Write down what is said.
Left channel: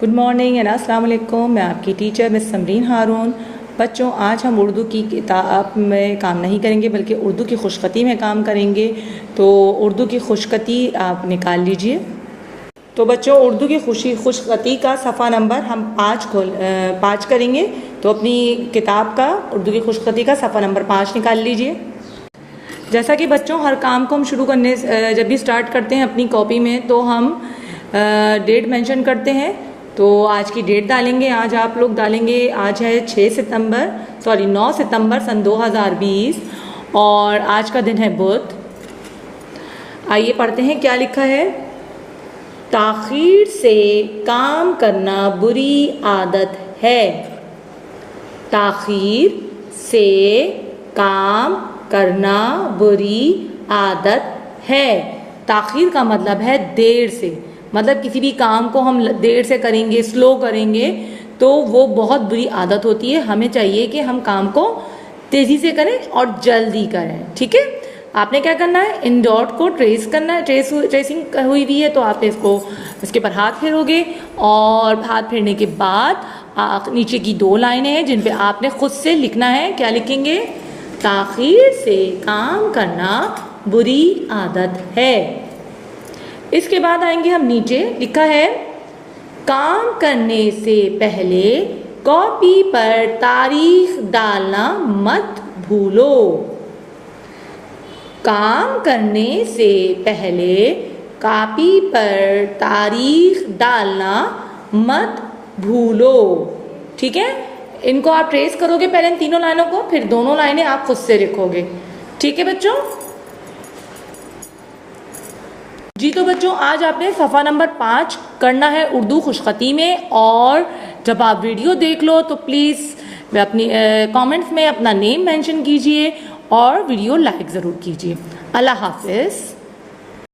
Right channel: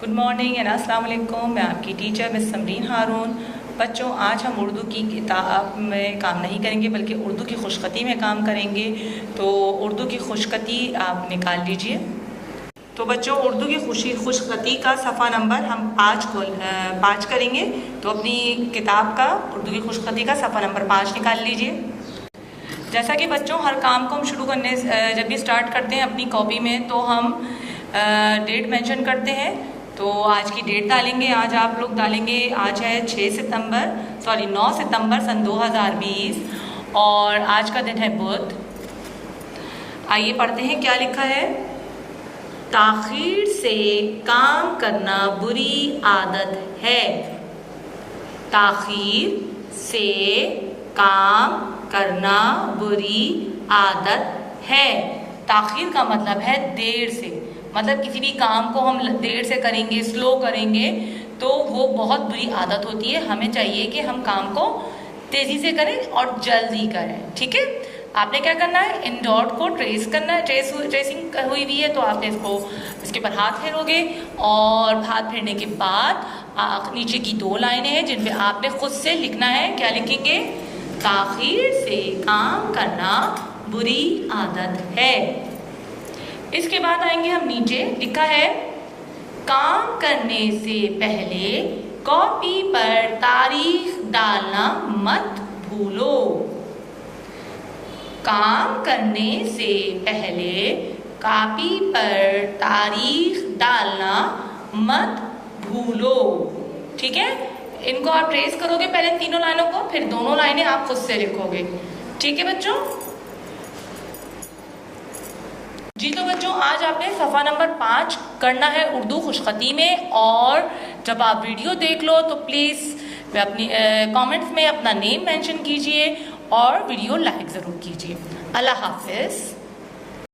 Good morning and अस्सलाम वालेकुम। मैं आपकी टीचर मिस समरीन हारून। बच्चों, आज हम उर्दू की किताब में काम नहीं करेंगे बल्कि उर्दू की खुशखती में काम करेंगे। तो उर्दू की खुशखती आप निकाल लीजिए। तो बच्चों, उर्दू की खुशखती का सफ़ा नंबर हम 5 करेंगे। तो अपनी किताब का उर्दू की खुशखती का सफ़ा नंबर 5 निकाल लीजिए। जैसा कि बच्चों, हर काम को हम शुरू करने जब भी स्टार्ट करते हैं अपनी कॉपी में तो हम डेट मेंशन करते हैं। तो आज की डेट डालेंगे। आज आप लोग डालेंगे, आज है 9 सितंबर सन 2020 और आज का दिन है बुध। आइए पढ़ते हैं क्या लिखा है। ताखीर से काम करना बुरी आदत है। ताखीर से काम करना बुरी आदत है। ताखीर का मतलब है देर से, मतलब किसी भी काम को हम देर से करेंगे, स्लो करेंगे तो वो बहुत बुरी आदत होती है। हमें चाहिए कि हम काम को तेजी से करें और जल्दी करें। ठीक है, आपने क्या करना है, इन डॉट को ट्रेस करना है। ट्रेसिंग हुई हुई है तो आप इसको उसके पर हाथ फेरोगे और हाथ फेरने के बाद नीचे की 2 लाइनें हैं जिन पे आपने खुद से लिखना है। क्या लिखेंगे? ताखीर से काम करना बुरी आदत है। इसके बाद आएंगे हम नीचे, लिखा है काम करने से पहले कॉपी पर तारीख डालना मत भूलो। काम करने से पहले कॉपी पर तारीख डालना मत भूलो। ठीक है, इनको आप ट्रेस करोगे पहले इन 3 लाइनों को, फिर दोनों लाइनें आप खुद से लिखोगे। ठीक है बच्चों जी। तो बच्चों, आज आपने सफ़ा नंबर 5 करना है उर्दू खुशखती में। और जब आप वीडियो देख लो तो प्लीज़ अपनी कमेंट्स में अपना नेम मेंशन कीजिए और वीडियो लाइक ज़रूर कीजिए। अल्लाह हाफिज़।